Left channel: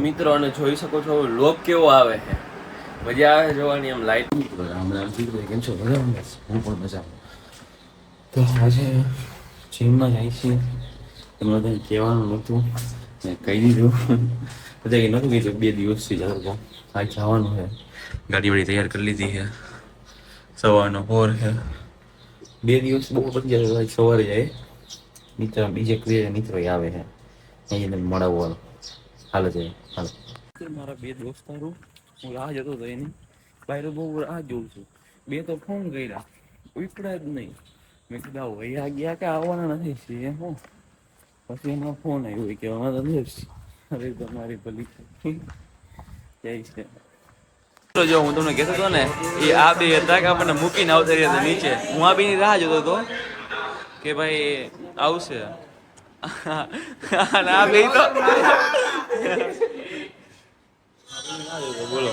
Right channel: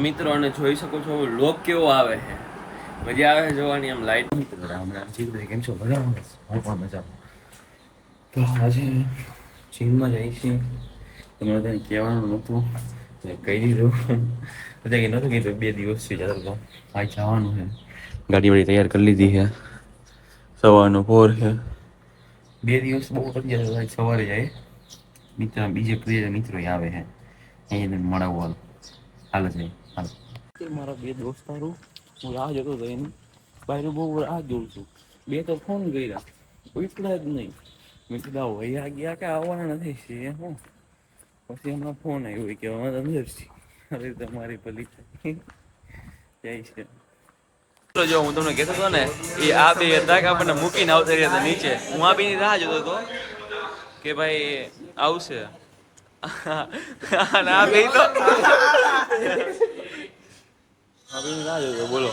મિત્રો અને જોઈ શકો છો લોક કેવો આવે છે, મજા આવે જોવાની. આમ લાઈટ મિત્રો રામ રામ જી કેમ છો? બરાબર, હું પણ મજામાં. તો આજે જીમમાં જાય છીએ. તમે બધાને કહેવાનું નહોતું, કહી દીધું. બધા નહોતું કીધું, 2 દિવસથી ચાલુ આ જવાનું છે. ગાડી વાડી તૈયાર કરી લીધી છે. સવારનો પોર છે. 2 દિવસ બહુ પતી જાય. સવારે જાય મિત્ર, બીજે મિત્રો આવે છે અહીં મળવાનું. હાલો છે, હાલો. મારા 2 દોસ્તારો, હું રાહ જોતો હતો એની. બહાર બહુ રાહ જોઉં છું. 2 તો ફોન કર્યા, ઉપડ્યા જ નહીં. મેં કીધું વૈયા ગયા કે આવવાના નથી. હું પછી એમનો ફોન આવ્યો કે અમે તો નથી. અરે તમારી ભલી જય છે. જો હું તમને કહેતો હતો ને, એ આ બે હતા કે આપણને મૂકીને આવતા રહ્યા હતા નીચે. હું આ બેની રાહ જોતો હતો કે ભાઈ આવશે. ના બે તો બોલો.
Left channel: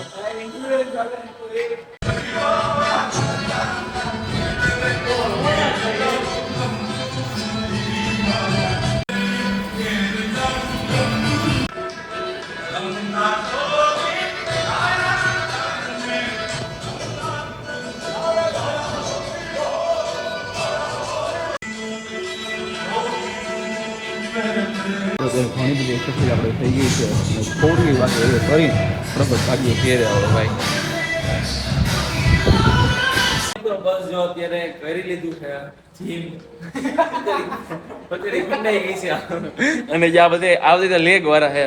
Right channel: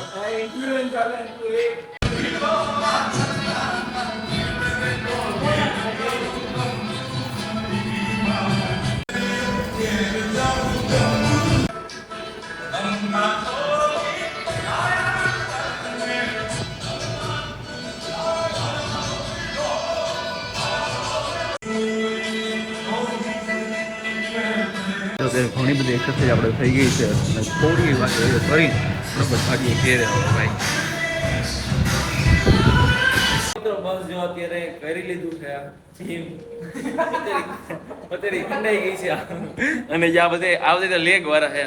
ઘણી બધી એક્સરસાઇઝ આપણે થઈ ગઈ છે અને થોડી વાત કરી બરાબર ગાડીઓ ફેરે આવે ભાઈ. તો બસ જો અત્યારે કરી લીધું છે જીમ. અત્યારે ખંડાઈ ગઈ છે અને જ્યાં બધે આ બધા લેગ વાળા છે.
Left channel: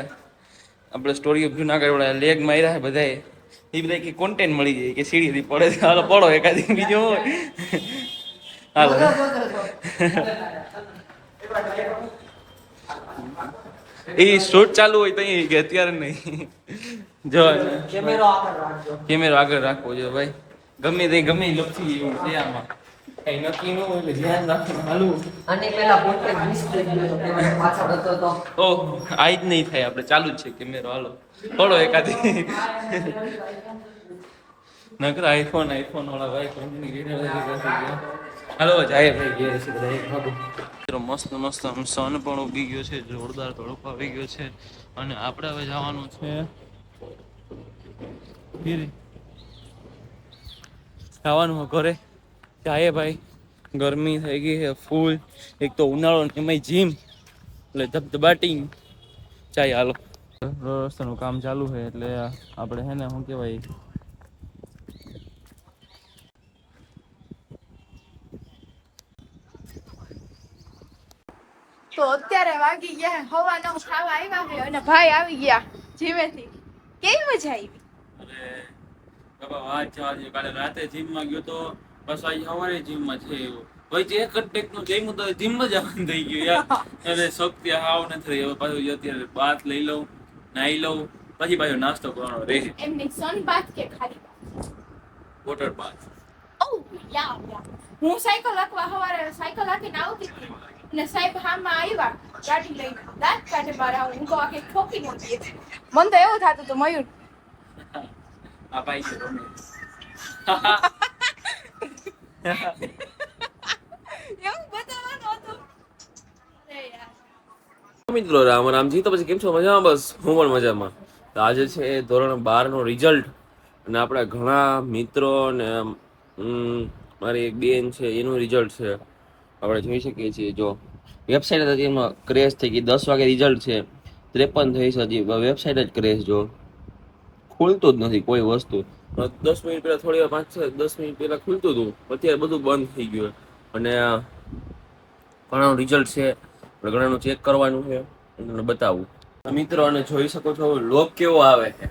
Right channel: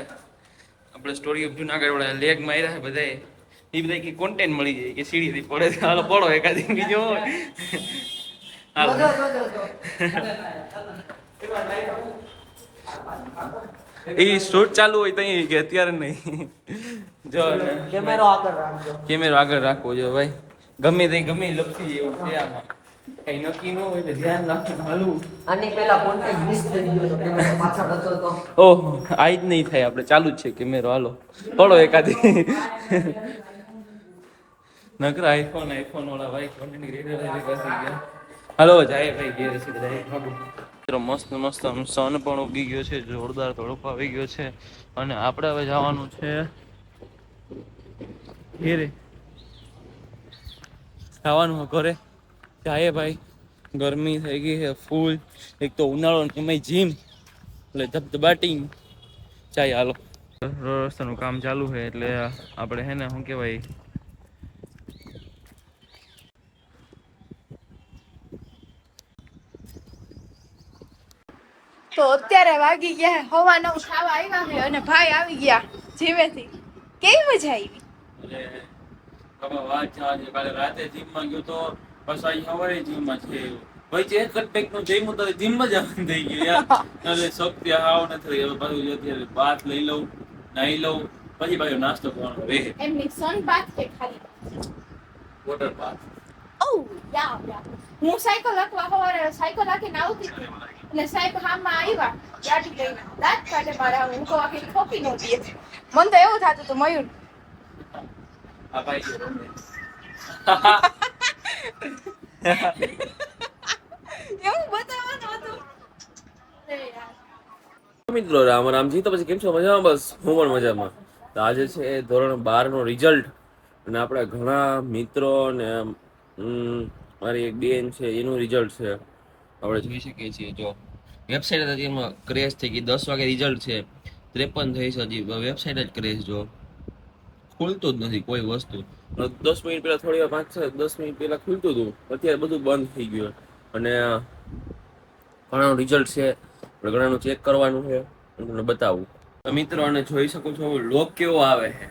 આપણે સ્ટોરી ઓફ જુનાગઢ વાળા લેગ માર્યા છે બધા. એ બધા કે કોન્ટેન્ટ મળી જાય કે સીડીથી પડે. હાલો પડો એકાદી બીજો હોય. હાલો એ શૂટ ચાલુ હોય તો કે અત્યારે નહીં. જો કેમેરો આગળ રાખવો જો ભાઈ. ગમે તે ગમે લપસી એવું છે આમાં. કઈ નક્કી ન હોય એટલે ધ્યાન રાખીને હાલવું. ઓહ આ જ નહીં થાય. આપણે ચાલુ જ છે કેમેરો. હાલો પડો એકાદી. નકર આઈફોન વાળા ભાઈ કોન્ટેન્ટ ક્રિએટર. હાલો જાય ભાઈ ઘેર છે બધા. મસ્ત મસ્ત આમ સન પણ ઉગી ગયો છે. જોરદાર તડકો આવી ગયો છે અને આપણે હવે જવાનું છે ઘેરે. ખાવાનું ઘરે જાય ભાઈ. ગરમી થઈ ગઈ છે ફૂલ. એક તો ઉનાળો એમાંય જીમ એટલે ધબધબાટી જાય. હાલો રસ્તાનું કામ ચાલુ છે એટલે આપણે હે ને શું કહેવાય, તો અત્યારે વાગી ગયા 9:15 ખાવા આવ્યા છે અને ભાઈ આવી ગયા જીમેથી. કેવી મજા આવી? અરે બાબા વાત જવા દે. કાલે રાતે જીમમાં ગયો તો બસ આજે સવારે જીમમાં છે એવું ભાઈ. એક જ ટેક નું જઈમું તો જીમમાં જવાનું થઈ ગયું યાર. અરે શક્તિ હાવ નથી. હવે પાછું અત્યારે બાથ લઈ લઉં, નાહી લઉં, પછી પાછો નાસ્તો કરવાનો રહે. એમની સન બાથ કે ખાલી વોટર બાથ. ઓ યા યા. હું સાયકલ હાંકવા સવારે સાયકલ હાંકીને આવતી હતી અને સાહેબ હામાં આવ્યા ગાડી લઈને. દાંત કાઢે મારા. હું કહું આખી ઠોકી નો દે. મને તો એવું થતું હતું મયુર આ ભાઈ છે રમેશ. એવું બતાવવાનું હતું. અરે યાર. મિત્રો રામ રામજી. તો પછી કેમ છો? મજામાં? બસ હું પણ મજામાં. તો આજે છે ધોરણ 12 નો રિઝલ્ટ અને આપણા ઘણા મિત્રો ને મારી એક બેન છે એનું રિઝલ્ટ છે. આપણે જોઈ શકીએ છીએ. જો વેબસાઇટ હતી એમાં ક્રેશ થઈ ગઈ. 10 વાગે રિઝલ્ટ છે. 53 થઈ છે. હજી વેબસાઇટ જ ક્રેશ. જો ખુલતું જ નથી કોઈ વસ્તુ. 10 મિનિટ પહેલા થોડી વાર 5-10 મિનિટ પહેલા ખુલતું હતું. અત્યારે બધું બંધ થઈ ગયું અને ઘણાનું રિઝલ્ટ છે. ઘણાનું ચેક કરવાનું છે અને તમને બતાવું. મિત્રો અને જોઈ શકો છો લોક કેવો આવે છે,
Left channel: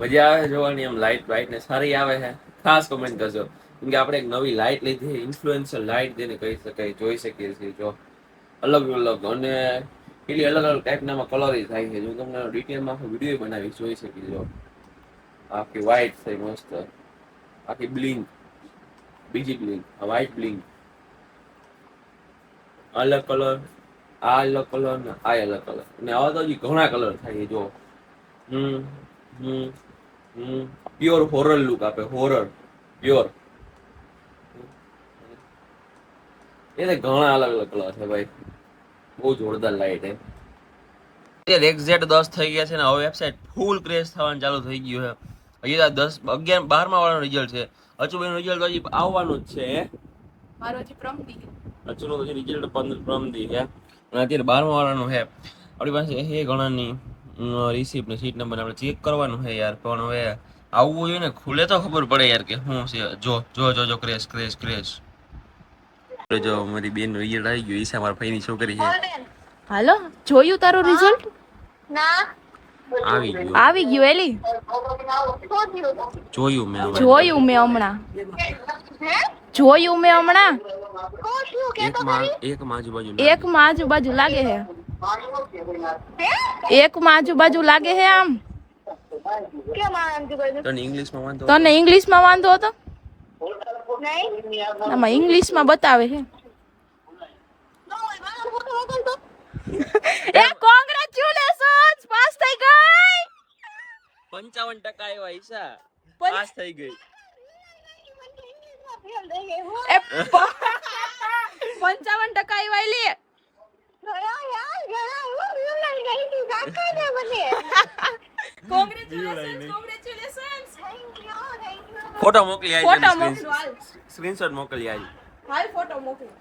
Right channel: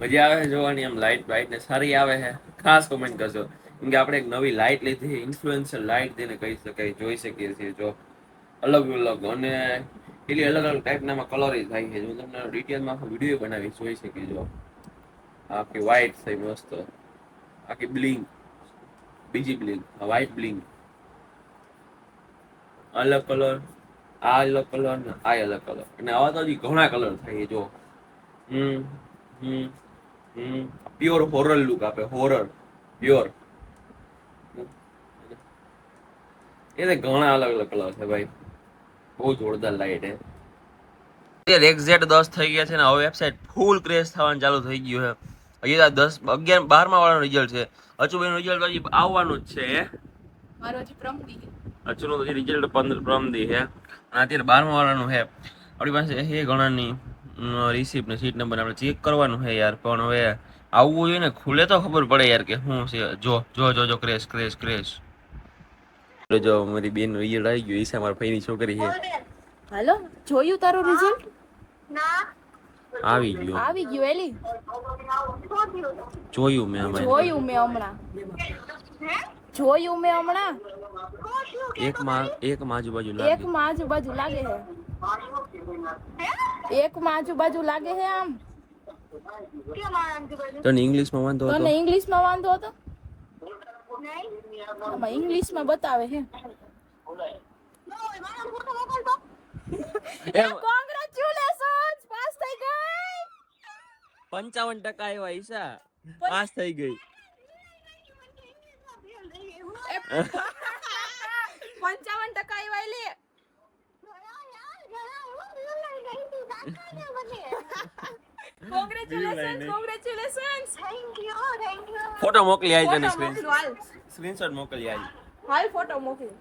મજા આવે જોવાની. આમ લાઇટ બાઇટ ને સારી આવે છે. ખાસ કોમેન્ટ કરજો કેમ કે આપણે એક નવી લાઇટ લીધી. ઇન્ફ્લુએન્સર લાઇટ તેને કહી શકાય. જોઈ શકીએ છીએ જો અલગ અલગ અને પેલી અલગ અલગ ટાઈપના કલર થાય છે. હું તમને ડિટેલમાં વિડીયો બનાવી જોઈ શકી છો. આખી વ્હાઈટ થઈ મસ્ત. આખી બ્લિંક. બીજી બ્લિંક, વ્હાઈટ બ્લિંક, અલગ કલર, આ અલગ કલર ને આ અલગ કલર. અને આવા તો હજી ઘણા કલર થાય જો. હમ હમ હમ પ્યોર હોરર લુક આપે. Horror pure. એ ઘણા અલગ અલગ કલર છે ભાઈ. બહુ જોરદાર લાઈટ હે. અત્યારે એક્ઝેક્ટ 10 થઈ ગયા છે ને હવે વેબસાઇટ ફૂલ ક્રેશ થવાનું ચાલુ થઈ ગયું છે. હજી 10 11 12મા વાળાનું રિઝલ્ટ છે. અચુભાઈનું રિઝલ્ટ હજી આવવાનું જ છે. મારો હજી પ્રમદી અચુનું હજી રિઝલ્ટ 15 પ્રમદી છે અને અત્યારે 12મા વાળાનું છે. આપણી પાસે છે ઘણાની રિસિપ્ટ ને સીટ નંબર આપણે ચેક કરવાનું છે યાર. પણ હવે આવવું જોઈએ ને, ખુલે તો ખબર પડે યાર કે શું છે. જો ક્રેશ ક્રેશ ક્રેશ. જો મારી બેન નું રિઝલ્ટ આવી ગયું. ઈશા મારા ભાઈની છોકરી છે. હાલો જોયું તારું રિઝલ્ટ? આવી ગયું એલી જોયું મેં હમણાં. જોયું મેં હમણાં એક માં આજુબાજુ લાગે. એક માં આજુબાજુ લાગે છે. એક માં આજુબાજુ લાગે છે. આમ તને ઇંગ્લિશમાં વાંધો હતો? તને ઇંગ્લિશમાં વાંધો હતો? આમાં ઇંગ્લિશમાં બતાવે છે. એ કોંગ્રેચ્યુલેશન્સ, પાસ થઈ ગઈ. 55% આવ્યા ઈશા. પાસ થઈ ગઈ. એ 55% આવ્યા લે. કોંગ્રેચ્યુલેશન્સ. ફોટો મોકલી ફોટો આવી. મોકલો હાલ. સ્ક્રીનશોટ મોકલી આવી. હાલ ફોટો મોકલી.